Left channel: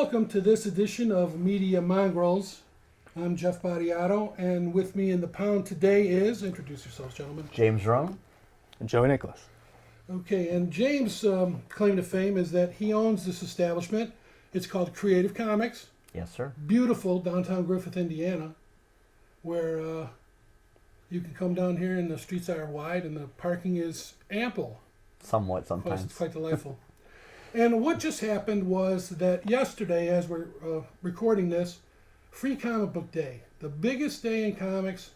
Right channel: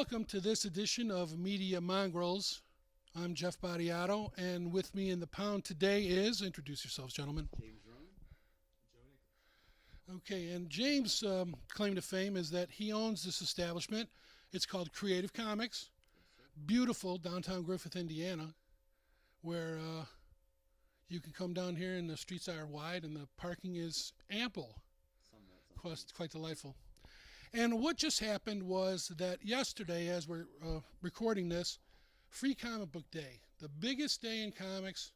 Welcome to this edition of Media Mongrels. I'm Jeff Badiato, and with me in the pound today is, introduce yourselves, gentlemen. James Rome. And Joey Nicholas. Okay, and James' claim to fame is that he owns this establishment. It's called Creative Comics. Yes, sir. Beautiful downtown Griffith, Indiana, where you can come down here and the streets are wide and the parking is ample. Somewhat sometimes. It's quite delightful. And what just happened was that yesterday, as we're recording this, Free Comic Book Day, the biggest day in comics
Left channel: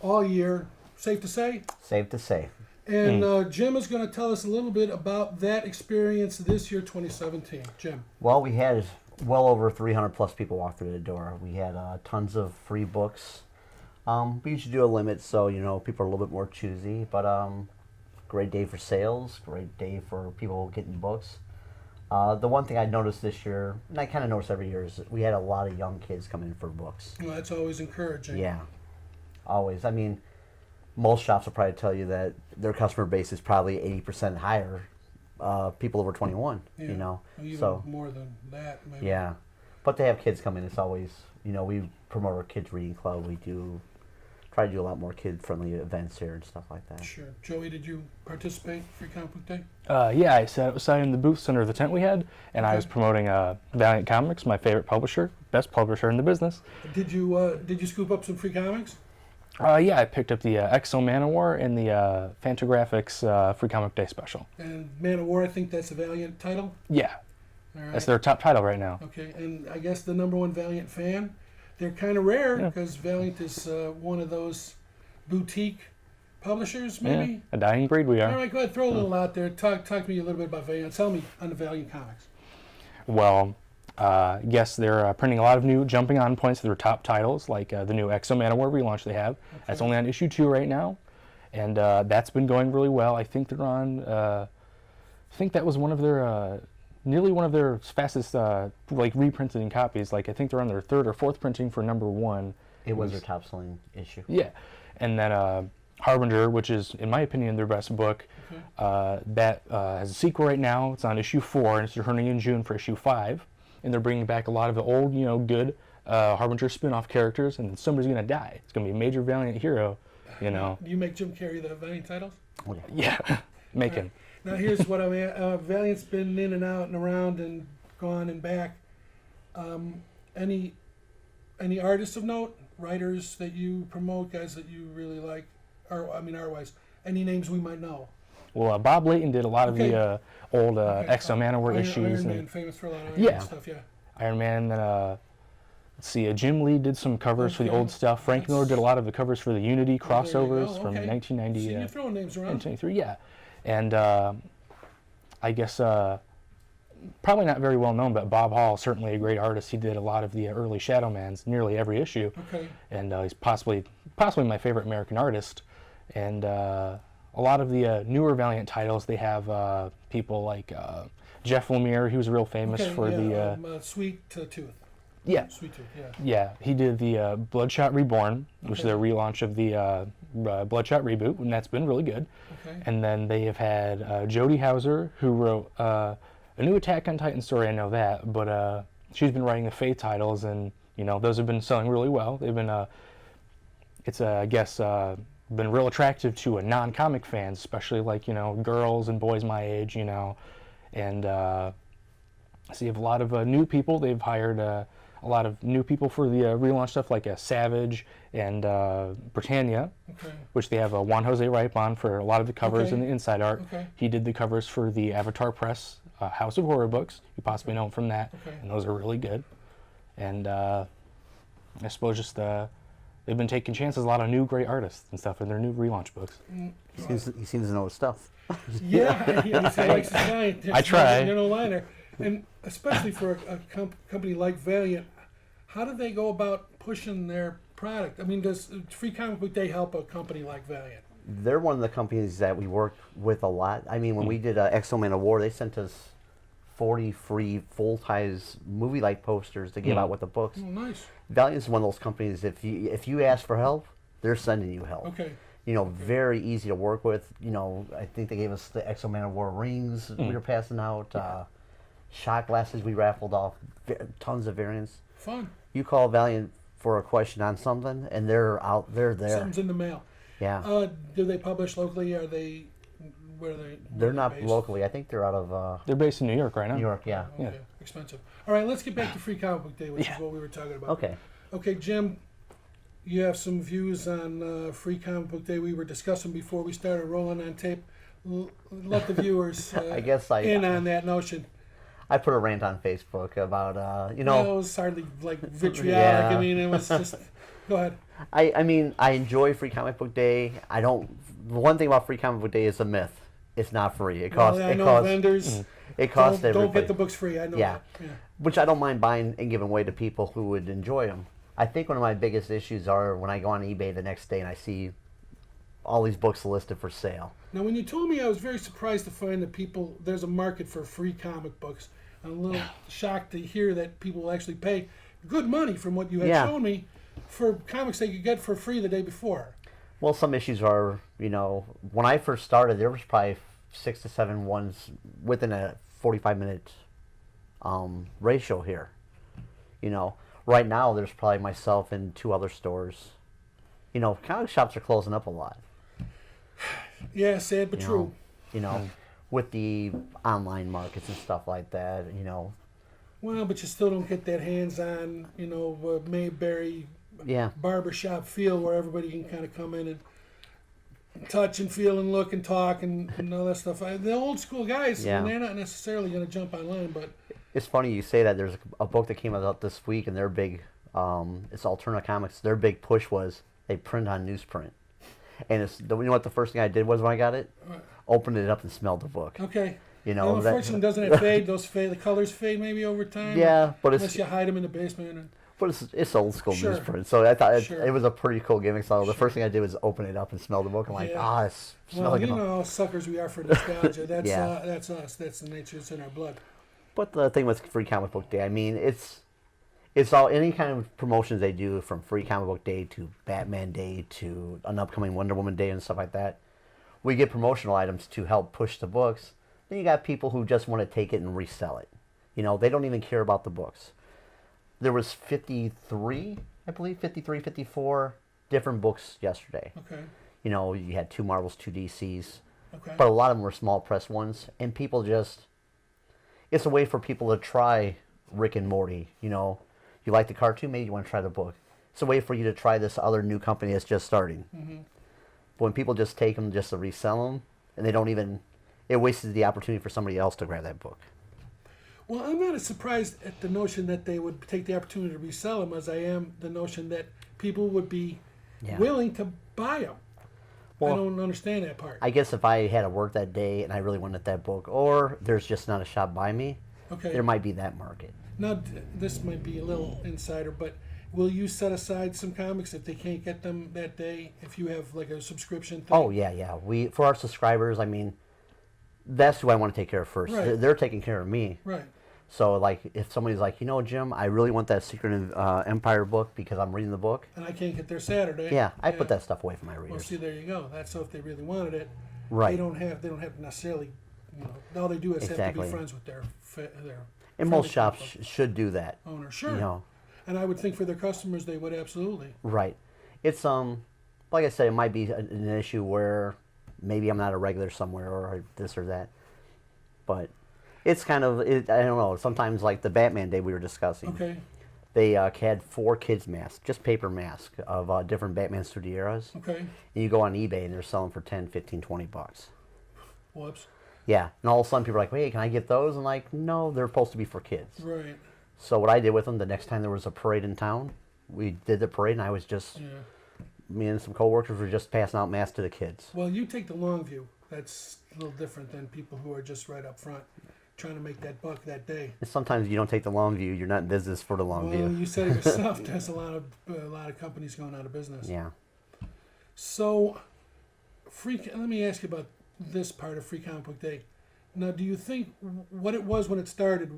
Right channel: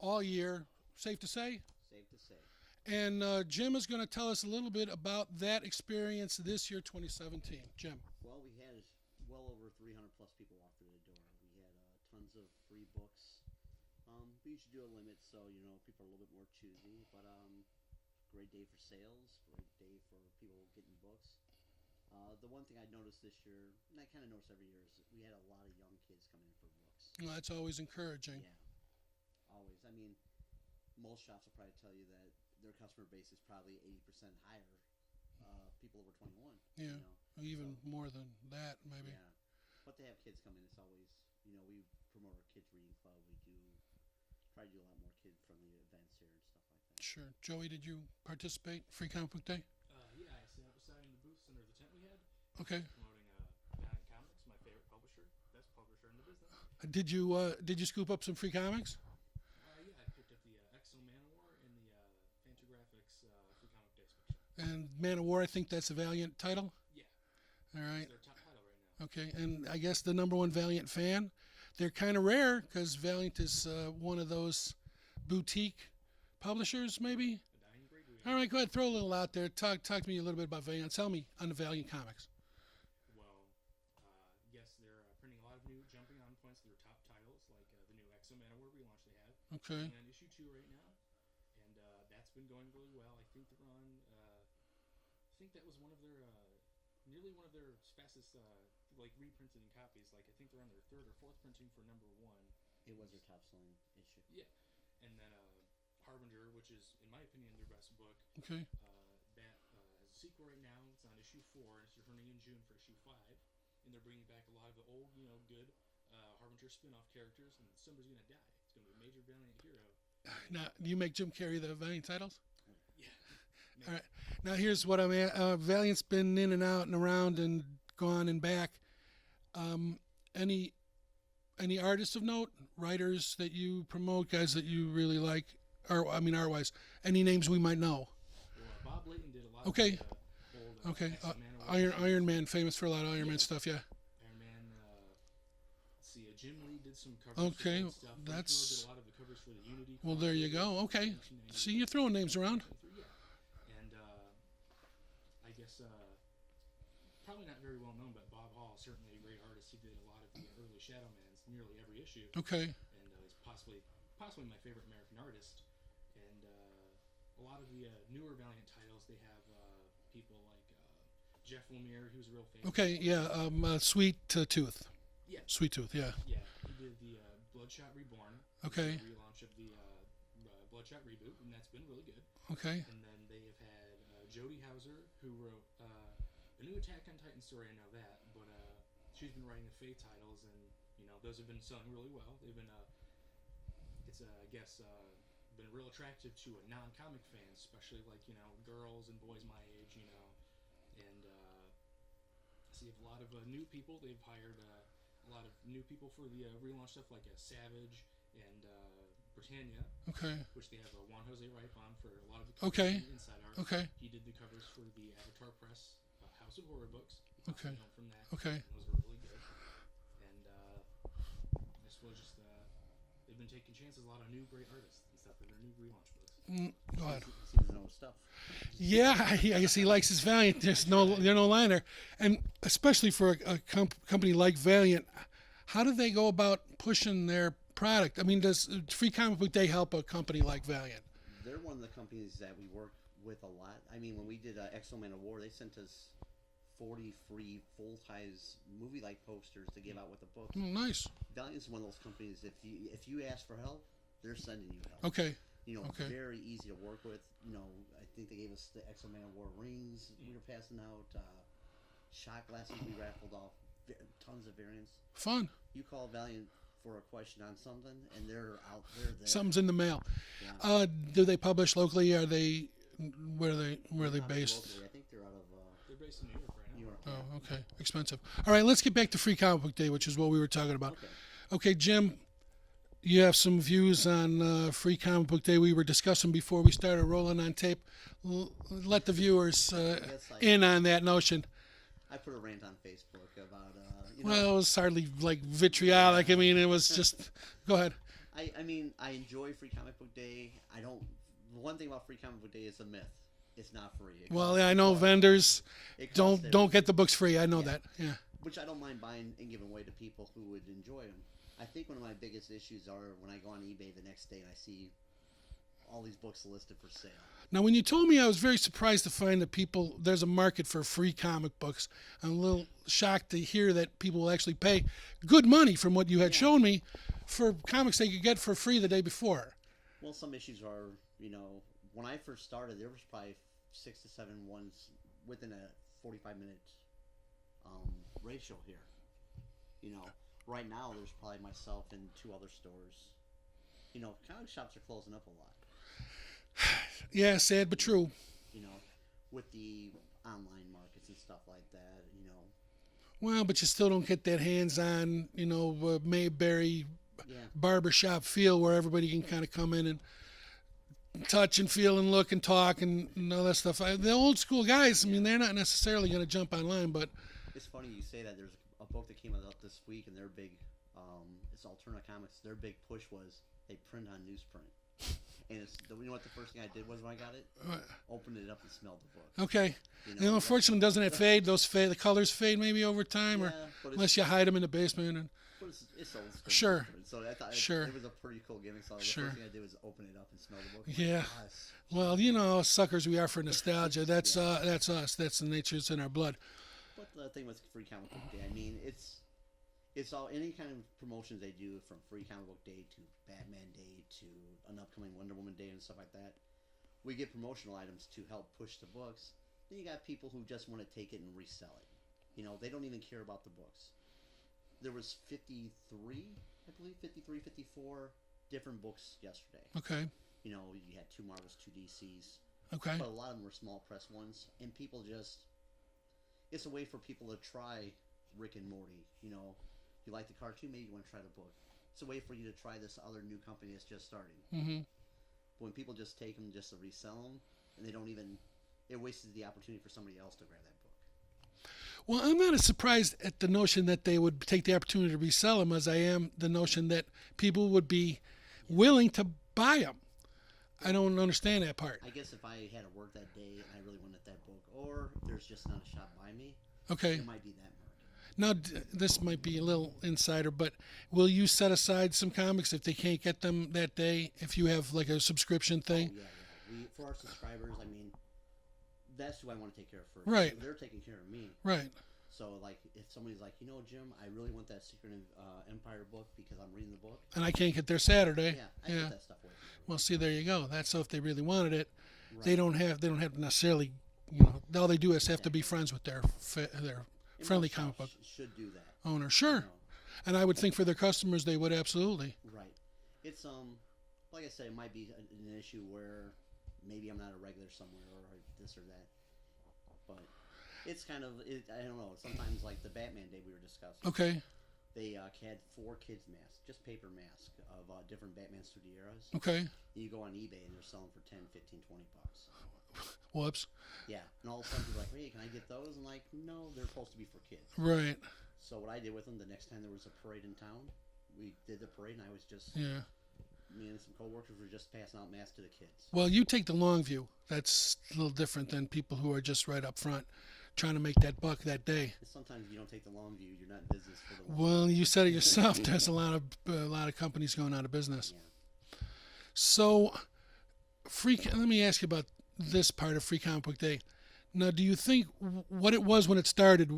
all year, safe to say? Safe to say. And Jim is going to tell us a little bit about that experience this year, 2017. Jim. Well, we had well over 300 plus people walk through the door. We had tons of free books. We usually do a limit, so people are a little bit more choosy. But great day for sales, great day for people getting books. The one thing I noticed this year, and I kind of notice every year, is that we had a lot of young kids come in for books. Well, that's always encouraging. Yeah, always. I mean, most shops will probably tell you that their customer base is probably 80% higher, people over 21, Yeah, even so more than that, maybe. yeah. But they have kids come in. It's always, we promote our kids reading club. We try to do a lot more kid-friendly events here and stuff like that. Sure. Joey, did you participate in Free Comic Book Day? Yeah, I sat outside in the booths under the tent we had, and I Okay. was promoting Valiant Comics, my favorite publisher, best publisher in the business. Did you scoop up some free comics? Yeah, I picked up the Exo Manowar and the Fantagraphics Free Comic Day special. And Man of War, I think that's a Valiant title. Yeah, All right. that's their top title right now. Okay, and I guess the #1 Valiant fan. They're kind of rare Yeah. because Valiant is one of those boutique publishers, maybe. Yeah, a dying breed we All are. right, go ahead, throw a little out there. Talk to me a little bit about Valiant. Tell me on the Valiant comics. Well, yes, they're printing a lot of new jumping on points to their top titles, like the new Exo Manowar relaunch they have. That's only on issue 2 right now, and that's been going really well. I think they're on. I think that was one of their nearly one of their fastest reprinting copies. Like I think they're on their 3rd or 4th printing for #1. It was their top-selling issue. Yeah, and then Harbinger, which is in my opinion their best book, that has a sequel right now. It's on issue 4, and it's returning in June for issue 5. And they're bringing back a lot of the old, good Harbinger spin-off characters, and somebody's gonna die. It's gonna be a major Valiant hero, Do you make Jim carry the Valiant titles? Yeah, make him. Now here's what I mean. Valiant's been in and out and around and gone and back. Any artists of note, writers that you promote, guys that you really like, or art-wise, any names we might know? Well, Bob Layton did a lot of Okay. the old Exo Manowar issues. Iron Man, and famous for a lot of Iron Yeah. Man stuff, yeah. Iron Man. Let's see, Jim Lee did some covers for the Okay, old stuff. Frank Miller did a lot of the covers for the Unity Well, there you crossovers go, from okay. 1990. See, you're throwing names around. 1993, yeah. And I guess probably not very well known, but Bob Hall, certainly a great artist. He did a lot of the early Shadowmans, nearly every issue. Okay. And he's possibly my favorite American artist. And a lot of the newer Valiant titles, they have people like Jeff Lemire. He was real famous Okay, for yeah, Sweet Tooth. yeah. Sweet Tooth, yeah. Yeah, he did the Bloodshot Reborn, which is Okay. a relaunch of the Bloodshot reboot, and that's been really good. Okay. And then they have had Jodie Hauser, who wrote a new Attack on Titan story. I know that, but she's been writing the Faith titles, and those have been selling really well. They've been I guess been real attractive to non-comic fans, especially like girls and boys my age, and so you have a lot of new people. They've hired a lot of new people for the relaunch stuff, like Savage and Britannia, Okay. which they have Juan Jose Ripe on for a lot of the covers Okay. and the inside art. Okay. He did the covers for the Avatar Press House of Horror books. You possibly know him from that, Okay. and those are really good. And I suppose just they've been taking chances, a lot of new great artists and stuff in their new relaunch books. He seems to know his stuff. Yeah, he likes his Valiant. I try. There's no line there. And especially for a company like Valiant, how do they go about pushing their product? I mean, does Free Comic Book Day help a company like Valiant? They're one of the companies that we work with a lot. I mean, when we did Exo Man of War, they sent us 40 free full-size movie-like posters to give out with the books. Oh, nice. Valiant's one of those companies, if you ask for help, they're sending you help. Okay. Very easy to work with. I think they gave us the Exo Man of War rings we were passing out. Shot glasses we raffled off. Tons of variants. Fun. You call Valiant for a question on something, and they're out. They're there. Something's in the mail. Yeah. Do they publish locally? Are they? Where are they? They're not based? locally. I think they're out of They're based in New York right now. New York. Yeah. Okay. Expensive. All right. Let's get back to Free Comic Book Day, which is what we were talking about. Okay. Okay, Jim. You have some views on Free Comic Book Day we were discussing before we started rolling on tape. Let the viewers I guess in on that notion. I put a rant on Facebook about Well, it was hardly like vitriolic. Yeah. I mean, it was just. Go ahead. I mean, I enjoy Free Comic Book Day. I don't. The one thing about Free Comic Book Day is a myth. It's not free. It costs. Well, I know vendors It costs don't everybody. get the books free. I know Yeah. that. Yeah. Which I don't mind buying and giving away to people who would enjoy them. I think one of my biggest issues are when I go on eBay the next day and I see all these books listed for sale. Now, when you told me, I was very surprised to find that there's a market for free comic books. I'm a little shocked to hear that people will actually pay good money from what you had Yeah. shown me for comics they could get for free the day before. Well, some issues are, when I first started, there was probably 6 to 7 ones within a 45-minute ratio here. Right now there's probably myself and 2 other stores. Comic shops are closing up a lot. Yeah, sad but true. With the online markets and stuff like that. Well, but you still don't get that hands-on, Mayberry Yeah. barbershop feel where everybody can kind of come in and touch and feel and look and talk and all that stuff. The old school guys, Yeah. they're not necessarily going to jump online, but It's funny you say that. There's a book that came out this week, and their big, it's Alterna Comics. Their big push was they print on newsprint. And you know what the first thing I did was when I got it? Opened it up and smelled the book. okay. That- Unfortunately, doesn't it fade? The colors fade maybe over time. Yeah, but unless it's you hide them in the basement. And, but it's old school Sure. newsprint. So I thought Sure. it was a pretty cool gimmick. So the Sure. first thing I did was open it up and smell the book. I'm like, Yeah. it's well, smelling you good." know, suckers we are for nostalgia. That's Yeah. that's us. That's the nature that's in our blood. But the thing with Free Comic Book Day, I mean, it's all any kind of promotions they do, from Free Comic Book Day to Batman Day to an upcoming Wonder Woman Day and stuff like that. We get promotional items to help push the books. Then you got people who just want to take it and resell it. They don't even care about the books. There was 53, I believe, 53, 54 different books yesterday. Okay. You had 2 Marvels, 2 DCs, Okay. but a lot of them were small press ones, and people it's a way for people to try Rick and Morty. You like the cartoon, maybe you want to try the book. It's a way for you to try this other new company that's just starting. Mm-hmm. But when people just take them just to resell them, and they don't even, it wastes the opportunity for somebody else to grab that book. Well, I'm not as surprised at the notion that they would take the opportunity to resell them as I am the notion that people would be willing to buy them. Well, I don't understand that part. I guess if I had to work that day and I really wanted that book, or there's just not a shop by me, Okay. there might be that market. Now, this might be a little insider, but will you set aside some comics if they can't get them that day? If you have like a subscription thing? Oh yeah. For our subscribers, I mean, that's who I want to take care of first. Right. They're taking care of me. Right. So like, if somebody's like, Jim, I really want that Secret Empire book because I'm reading the book. And I can't get there Saturday. Yeah, I put that stuff away from my readers. Well, see, there you go. That's so if they really wanted it, Right. They don't have to necessarily. All they do is have to be Exactly. friends with their And friendly most shops comic book should do that. owner. Sure. You know. And I would think for their customers they would absolutely. Right. It's like I said, it might be an issue where maybe I'm not a regular somewhere or this or that, but it's kind of I don't know. Sometimes like the Batman Day we were discussing. Okay. They had 4 kids masks, just paper masks of different Batman studio eras. Okay. And you go on eBay and they're selling for 10, 15, 20 bucks. Whoops. Yeah, and all of a sudden people are like, "Hey, can I get those?" And like, no, they're supposed to be for kids. Right. So what I did with them, the next time there was a parade in town, we did the parade, and I was just, Yeah. me and some coworkers were just passing out masks to the kids. Well, you take the long view. That's a little different than people who are just right up front trying to make that buck that day. And sometimes you don't take the long view; you're not in business for the long Well, view. you said it yourself. There's a lot of companies going out of business. Yeah. So, let me ask you about this part of Free Comic Book Day. Now, do you think what it was when it started?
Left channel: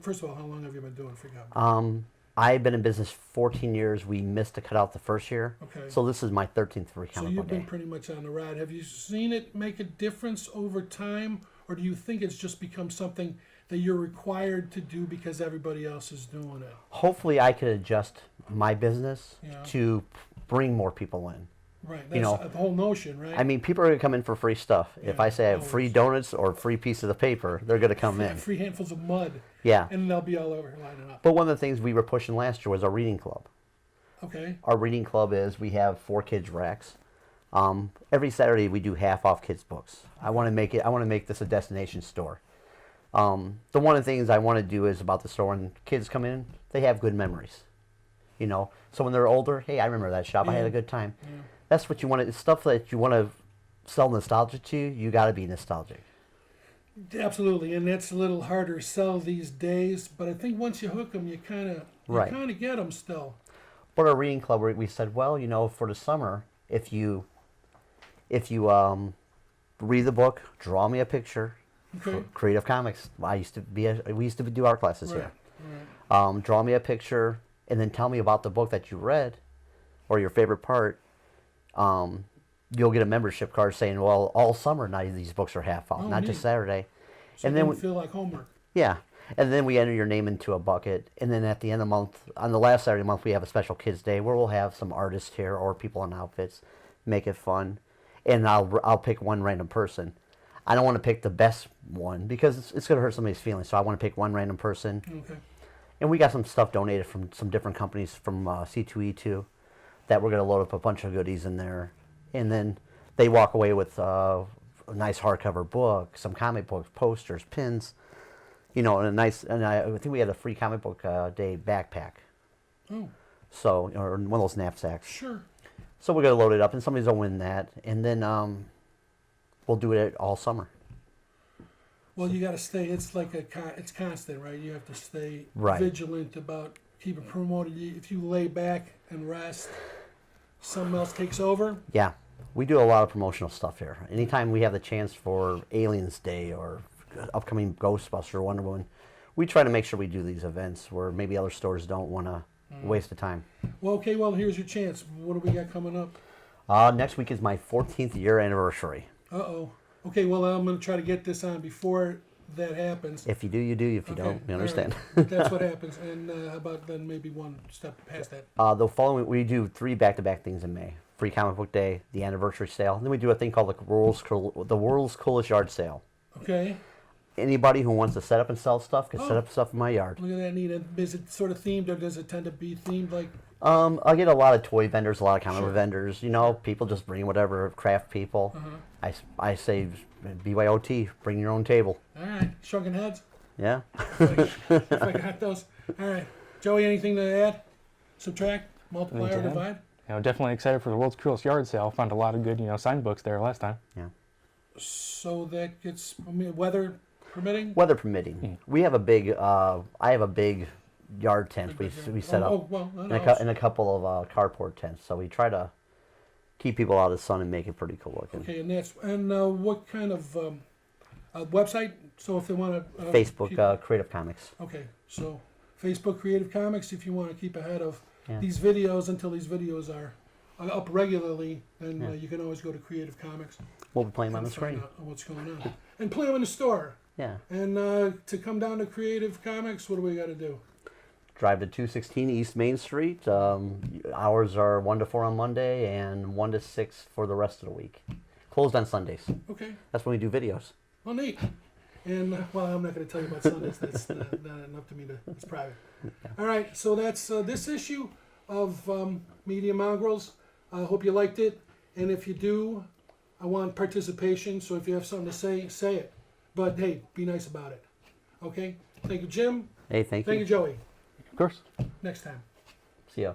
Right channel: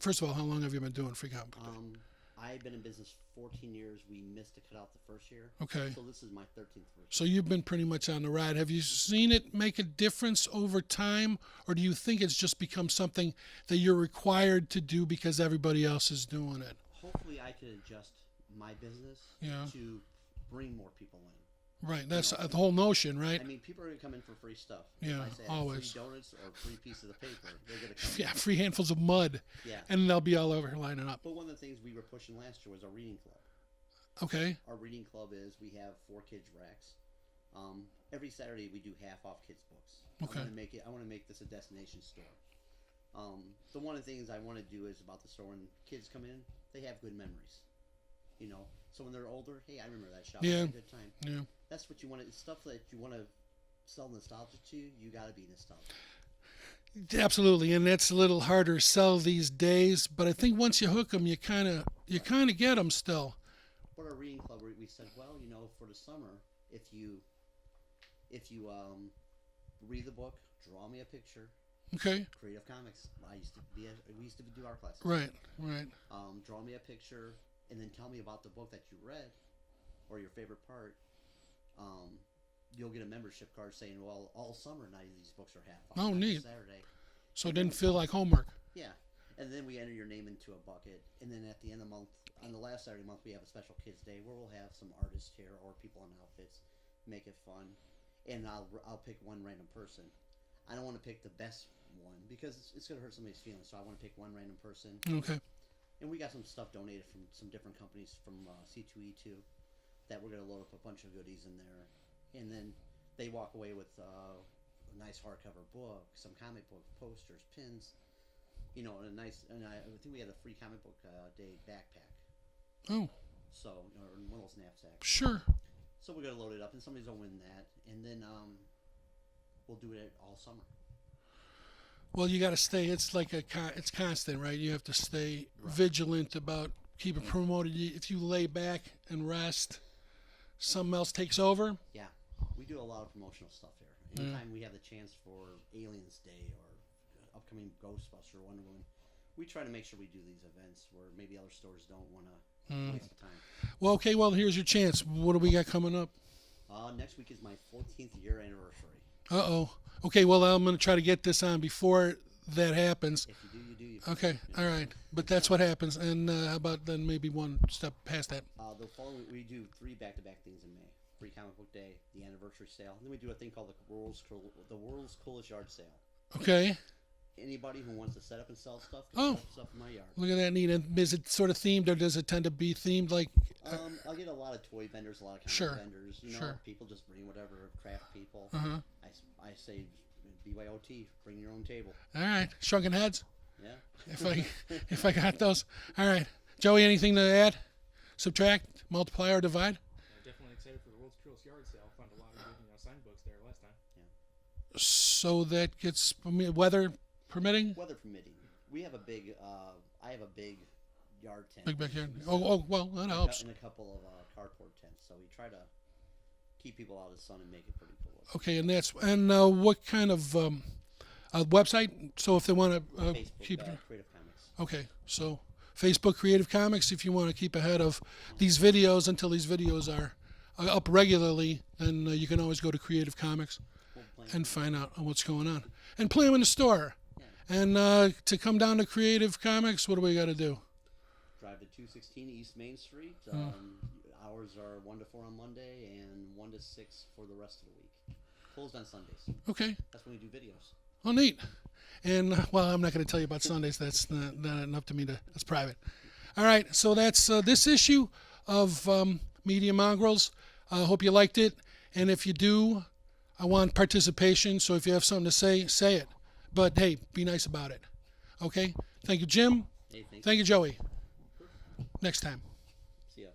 First of all, how long have you been doing Free Comic Book? I've been in business 14 years. We missed to cut out the first year. Okay. So this is my 13th free So comic you've book been day. pretty much on the ride. Have you seen it make a difference over time, or do you think it's just become something that you're required to do because everybody else is doing it? Hopefully, I could adjust my business Yeah. to bring more people in. Right. That's know, the whole notion, right? I mean, people are going to come in for free stuff. If Yeah, I say I have free always. donuts or free pieces of paper, they're going to come Yeah, in. free handfuls of mud, Yeah. and they'll be all over lining up. But one of the things we were pushing last year was our reading club. Okay. Our reading club is we have 4 kids racks. Every Saturday we do half off kids books. I want to make it. I want to make this a destination store. The one of the things I want to do is about the store when kids come in, they have good memories. You know, so when they're older, hey, I remember that shop. I had Yeah. a good time. Yeah. That's what you want. It's stuff that you want to sell nostalgia to. You got to be nostalgic. Absolutely, and that's a little harder to sell these days. But I think once you hook them, you kind of Right. get them still. But our reading club, we said, well, you know, for the summer, if you read the book, draw me a picture. Okay. Creative Comics. We used to do art classes Right. here. Right. Draw me a picture and then tell me about the book that you read or your favorite part. You'll get a membership card saying, well, all summer now these books are half off, Oh, not neat. just Saturday. So And it then didn't feel like homework. Yeah. And then we enter your name into a bucket. And then at the end of the month, on the last Saturday of the month, we have a special Kids Day where we'll have some artists here or people in outfits, make it fun. And I'll pick one random person. I don't want to pick the best one because it's going to hurt somebody's feelings. So I want to pick one random person. Okay. And we got some stuff donated from some different companies from C2E2 that we're going to load up a bunch of goodies in there. And then they walk away with a nice hardcover book, some comic books, posters, pins, you know, and I think we had a free comic book day backpack. Oh, So, or one of those knapsacks. sure. So we're going to load it up and somebody's going to win that. And then we'll do it all summer. Well, you got to stay. It's like it's constant, right? You have to stay Right. vigilant about keeping promoted. If you lay back and rest, something else takes over. Yeah, we do a lot of promotional stuff here. Anytime we have the chance for Aliens Day or upcoming Ghostbuster, Wonder Woman, we try to make sure we do these events where maybe other stores don't want to waste the time. Well, okay. Well, here's your chance. What do we got coming up? Next week is my 14th year anniversary. Uh-oh. Okay. Well, I'm going to try to get this on before that happens. If you do, you do. If you Okay. don't, you All understand. right. That's what happens. And how about then maybe one step past that? The following, we do 3 back-to-back things in May. Free Comic Book Day, the anniversary sale. Then we do a thing called the World's Coolest Yard Sale. Okay. Anybody who wants to set up and sell stuff can set Oh. up stuff in my yard. Look at that neat. And is it sort of themed, or does it tend to be themed like? I get a lot of toy vendors, a lot of comic Sure. book vendors. You know, Sure. people just bring whatever, craft people. Uh-huh. I say BYOT, bring your own table. All right. Shrunken heads. Yeah. If I got those. All right. Joey, anything to add? Subtract, multiply, or Okay. divide? You know, definitely excited for the world's coolest yard sale. Found a lot of good, signed books there last time. So that gets, weather permitting? Weather permitting. We have a big, I have a big yard tent Big we backyard. set up. Oh, well, that and helps. and a couple of carport tents. So we try to keep people out of the sun and make it pretty cool looking. Okay, and what kind of website? So if they want to Facebook, Creative Comics. okay, so Facebook Creative Comics. If you want to keep ahead of these videos until these videos are up regularly, then you can always go to Creative Comics We'll be playing on and the find screen. out what's going on, and play them in the store. Yeah. And to come down to Creative Comics, what do we got to do? Drive to 216 East Main Street. Hours are 1 to 4 on Monday and 1 to 6 for the rest of the week. Closed on Sundays. Okay, That's when we do videos. oh neat. And well, I'm not going to tell you about Sundays. That's not up to me to. That's private. All right, so that's this issue of Media Mongrels. I hope you liked it, and if you do, I want participation. So if you have something to say, say it. But hey, be nice about it. Okay. Thank you, Jim. Hey, thank Thank you. you, Joey. Of course. Next time. See ya.